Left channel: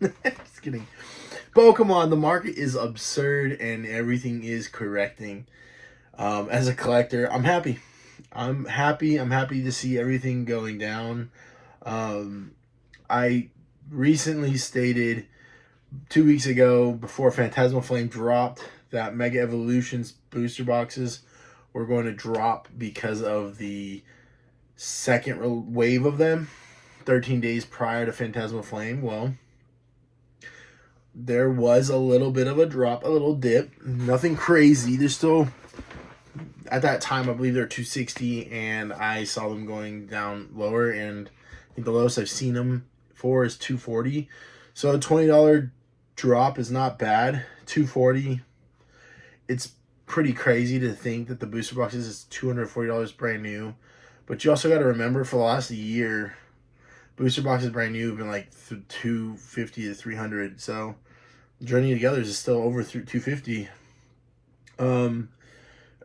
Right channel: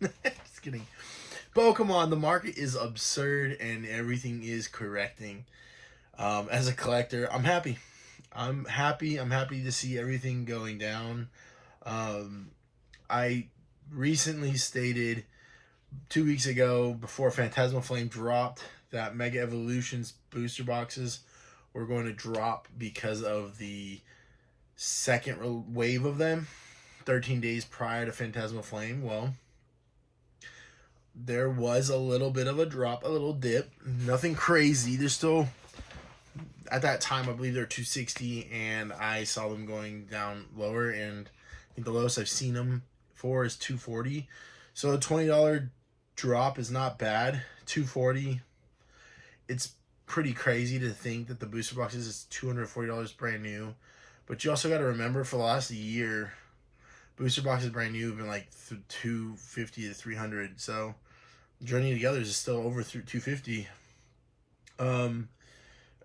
Just kidding. Pokemon, the market is absurd and everything is correcting. As a collector, I'm happy. I'm happy. I'm happy to see everything going down. I recently stated 2 weeks ago, before Phantasmal Flame dropped, that Mega Evolutions booster boxes were going to drop because of the second wave of them 13 days prior to Phantasmal Flame. Well, there was a little bit of a drop, a little dip. Nothing crazy. They're still, at that time, I believe they're 260, and I saw them going down lower, and I think the lowest I've seen them for is 240. So a $20 drop is not bad. 240, it's pretty crazy to think that the booster boxes is $240 brand new. But you also got to remember, for the last year, booster boxes brand new have been like 250 to 300. So Journey Together is still over 250. It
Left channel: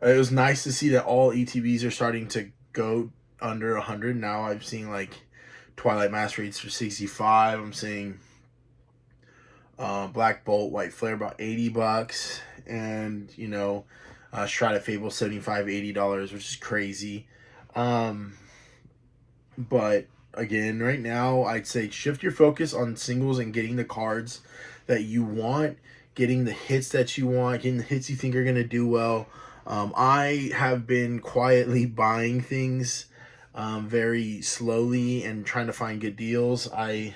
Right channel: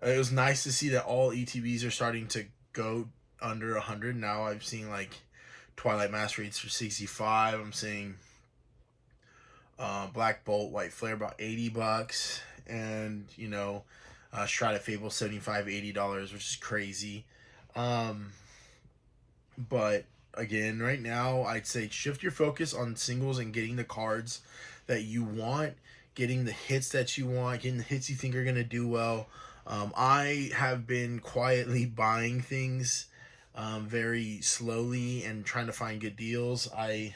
was nice to see that all ETBs are starting to go under 100. Now I've seen like Twilight Mask rates for 65. I'm seeing Black Bolt, White Flare about $80, and you know, Shroud of Fable $75, $80, which is crazy. But again, right now I'd say shift your focus on singles and getting the cards that you want, getting the hits that you want, getting the hits you think are gonna do well. I have been quietly buying things very slowly and trying to find good deals. I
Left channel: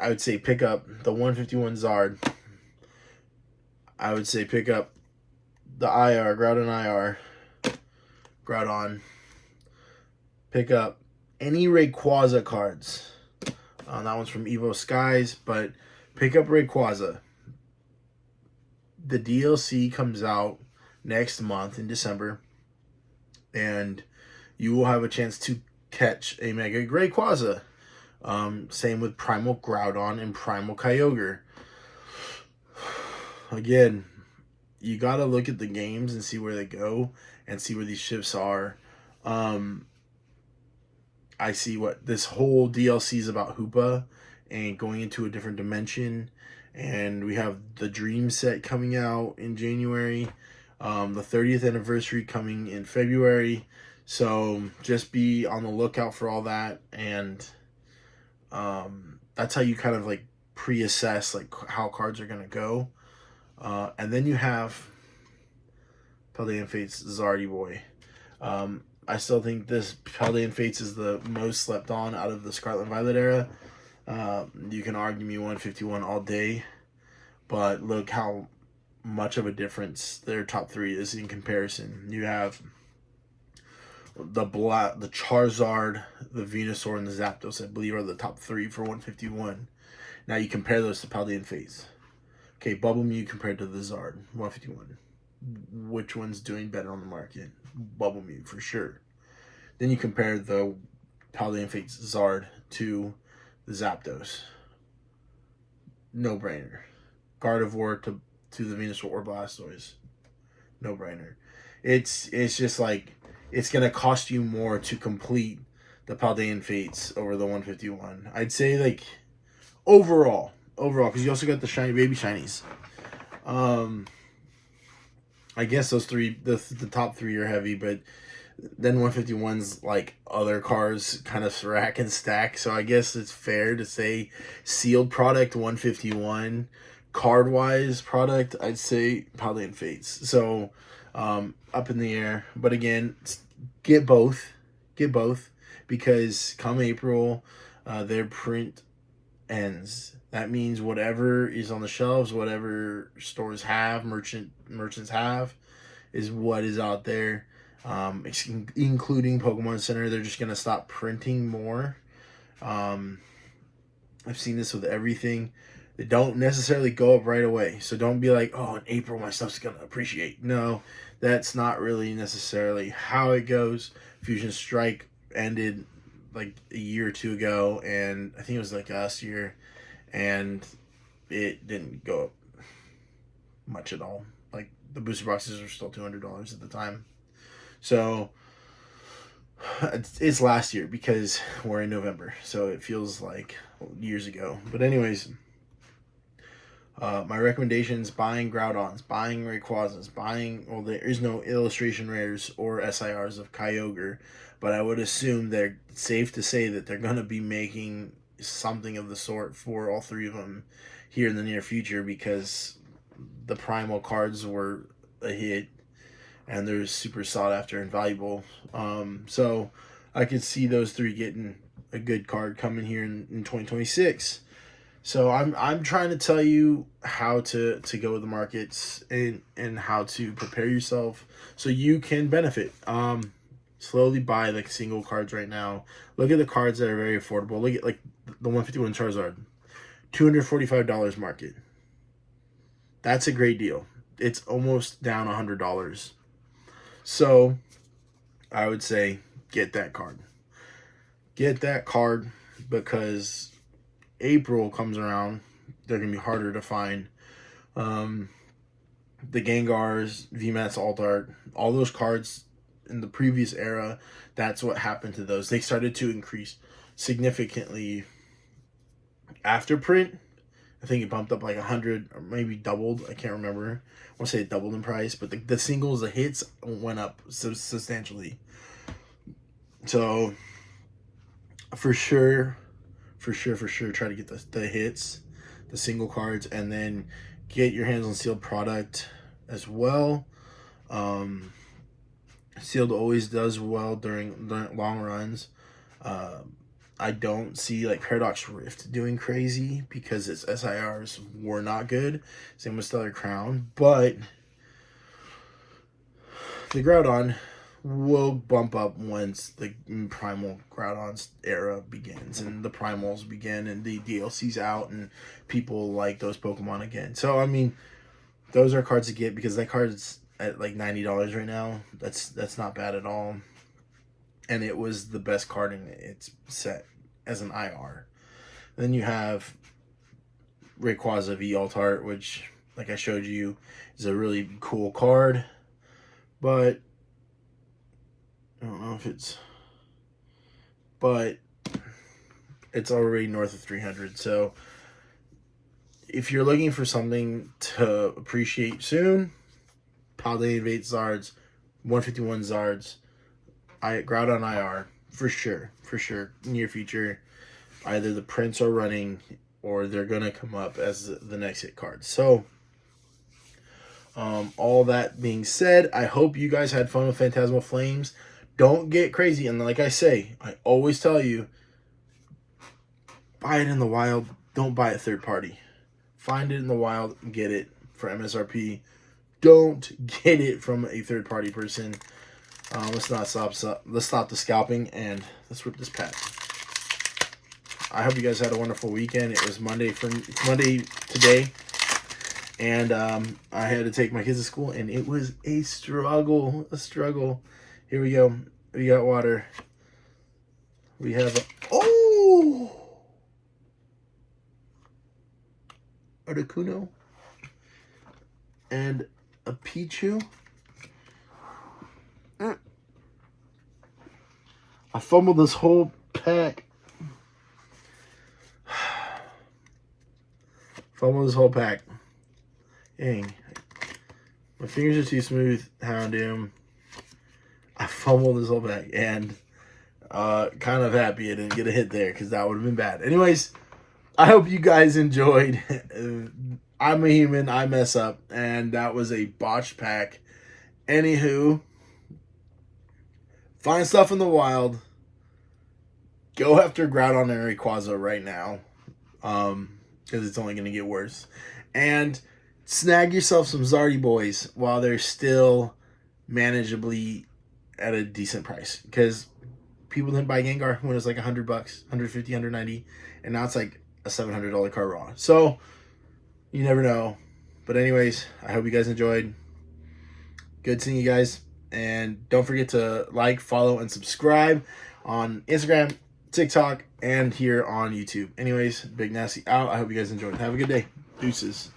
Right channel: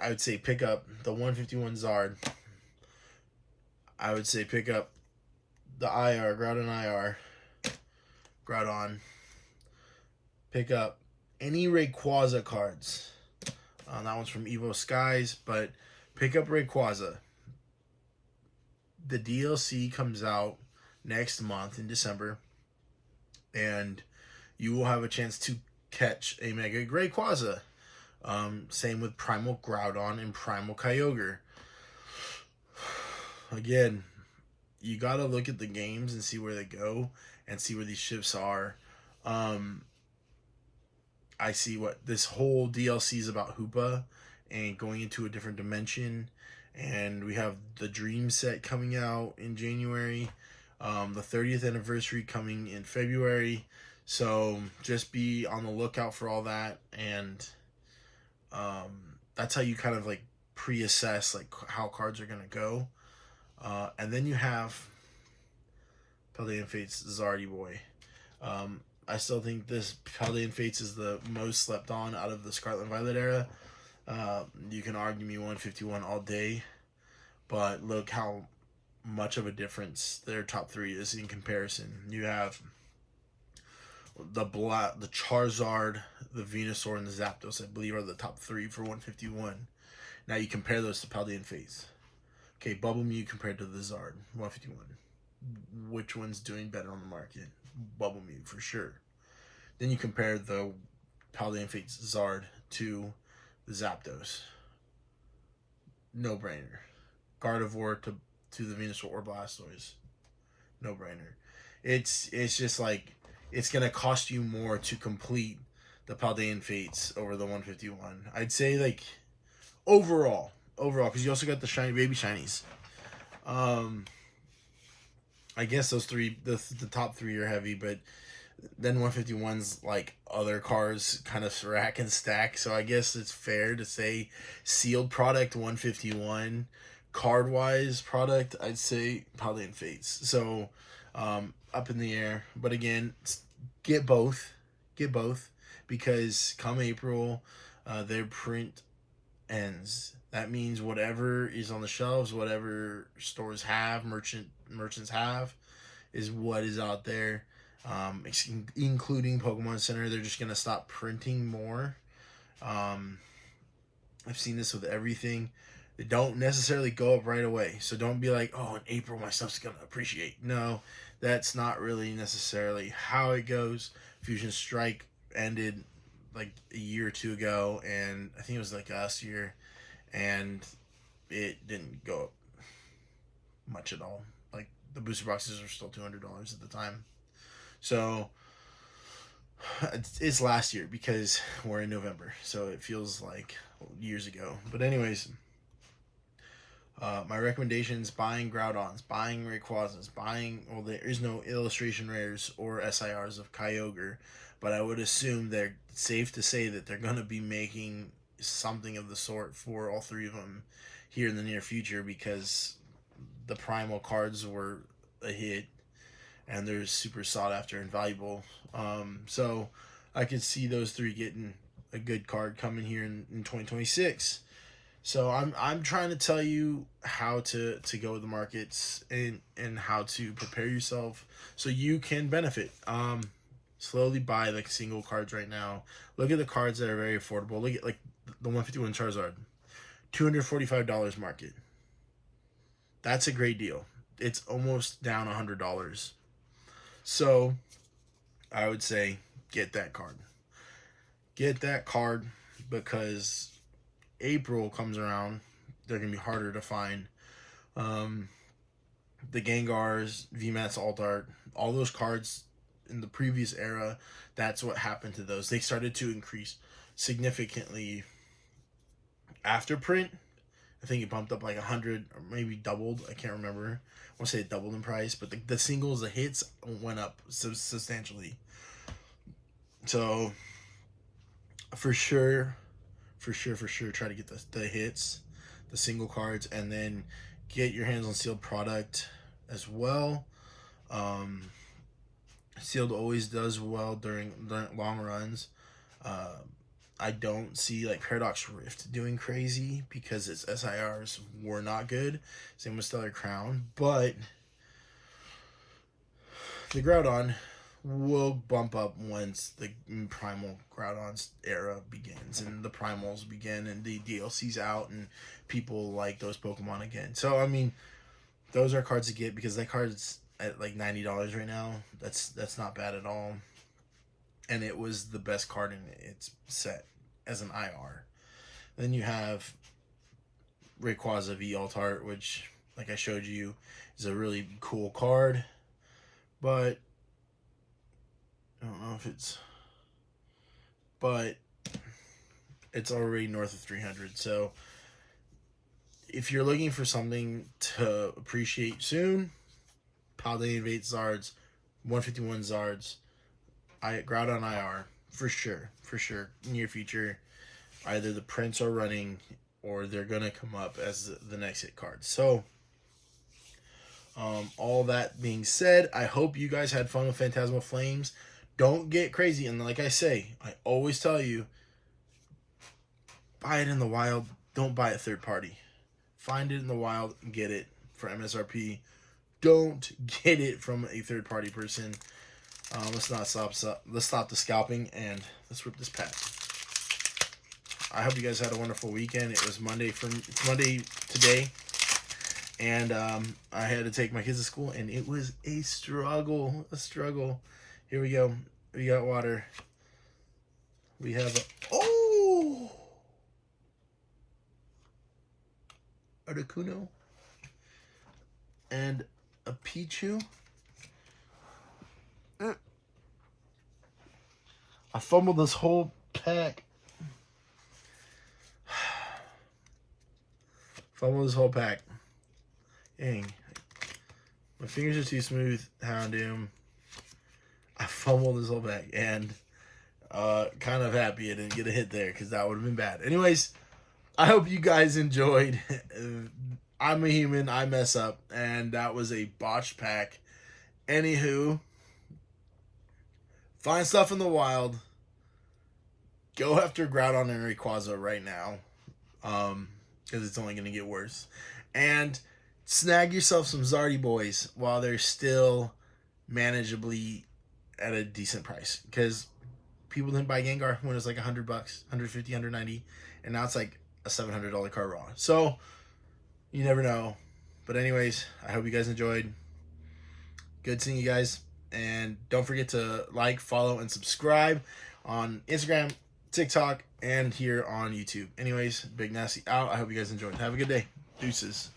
would say pick up the 151 Zard. I would say pick up the IR, Groudon IR, Groudon. Pick up any Rayquaza cards. That one's from Evo Skies, but pick up Rayquaza. The DLC comes out next month in December, and you will have a chance to catch a Mega Rayquaza. Same with Primal Groudon and Primal Kyogre. Again, you got to look at the games and see where they go and see where these shifts are. I see what this whole DLC is about, Hoopa and going into a different dimension. And we have the Dream set coming out in January, the 30th anniversary coming in February. So just be on the lookout for all that. And that's how you kind of like pre-assess like how cards are going to go. And then you have Paldean Fates Zardy Boy. I still think this Paldean Fates is the most slept on out of the Scarlet and Violet era. You can argue me 151 all day, but look how much of a difference their top three is in comparison. You have the Charizard, the Venusaur, and the Zapdos, I believe, are the top three for 151. Now you compare those to Paldean Fates. Okay, Bubble Mew compared to the Zard, 151. Which one's doing better on the market? Bubble Mew, for sure. Then you compare the Paldean Fates Zard to the Zapdos. No brainer. Gardevoir to the Venusaur or Blastoise. No brainer. It's just like, it's going to cost you more to complete the Paldean Fates over the 151. I'd say like overall, because you also got the shiny baby shinies. I guess those three, the top three are heavy, but then 151's like other cars kind of rack and stack. So I guess it's fair to say sealed product 151, card wise product, I'd say Paldean Fates. So up in the air. But again, get both, because come April, their print ends. That means whatever is on the shelves, whatever stores have, merchants have, is what is out there, including Pokemon Center. They're just going to stop printing more. I've seen this with everything. They don't necessarily go up right away. So don't be like, oh, in April my stuff's going to appreciate. No, that's not really necessarily how it goes. Fusion Strike ended like a year or two ago, and I think it was like last year, and it didn't go up much at all. Like the booster boxes are still $200 at the time. So It's last year because we're in November, so it feels like years ago. But anyways, my recommendations: buying Groudons, buying Rayquazas, buying, well, there is no illustration rares or SIRs of Kyogre, but I would assume they're safe to say that they're going to be making something of the sort for all three of them here in the near future, because the primal cards were a hit and they're super sought after and valuable. So I could see those three getting a good card coming here in 2026. So I'm trying to tell you how to go with the markets and how to prepare yourself so you can benefit. Slowly buy like single cards right now. Look at the cards that are very affordable. Look at like the 151 Charizard, $245 market. That's a great deal. It's almost down $100. So I would say get that card. Get that card, because April comes around, they're going to be harder to find. The Gengars, VMAX, Alt Art, all those cards in the previous era, that's what happened to those. They started to increase significantly after print. I think it bumped up like 100 or maybe doubled. I can't remember. I want to say it doubled in price, but the singles, the hits went up substantially. So for sure, try to get the hits, the single cards, and then get your hands on sealed product as well. Sealed always does well during long runs. I don't see like Paradox Rift doing crazy because its SIRs were not good. Same with Stellar Crown, but the Groudon will bump up once the Primal Groudon's era begins and the Primals begin and the DLC's out and people like those Pokemon again. So I mean, those are cards to get because that card's at like $90 right now. That's not bad at all. And it was the best card in its set as an IR. Then you have Rayquaza V Alt Art, which, like I showed you, is a really cool card. But I don't know if it's... But it's already north of 300. So if you're looking for something to appreciate soon, Paldean Invade Zards, 151 Zards, Groudon IR, for sure, near future. Either the prints are running or they're going to come up as the next hit card. So, all that being said, I hope you guys had fun with Phantasmal Flames. Don't get crazy. And like I say, I always tell you, buy it in the wild. Don't buy it third party. Find it in the wild and get it for MSRP. Don't get it from a third party person. Let's stop the scalping and let's rip this pack. I hope you guys had a wonderful weekend. It was Monday today, and I had to take my kids to school, and it was a struggle. Here we go. We got water. We have Articuno and a Pichu. I fumbled this whole pack. Dang. My fingers are too smooth. Houndoom. I fumbled this whole pack. And kind of happy I didn't get a hit there because that would have been bad. Anyways, I hope you guys enjoyed. I'm a human. I mess up. And that was a botched pack. Anywho, find stuff in the wild. Go after Groudon and Rayquaza right now. Because it's only going to get worse. And snag yourself some Zardy boys while they're still manageably at a decent price. Because people didn't buy Gengar when it was like $100, $150, $190. And now it's like a $700 card raw. So, you never know. But anyways, I hope you guys enjoyed. Good seeing you guys. And don't forget to like, follow, and subscribe on Instagram, TikTok, and here on YouTube. Anyways, Big Nasty out. I hope you guys enjoyed. Have a good day. Deuces.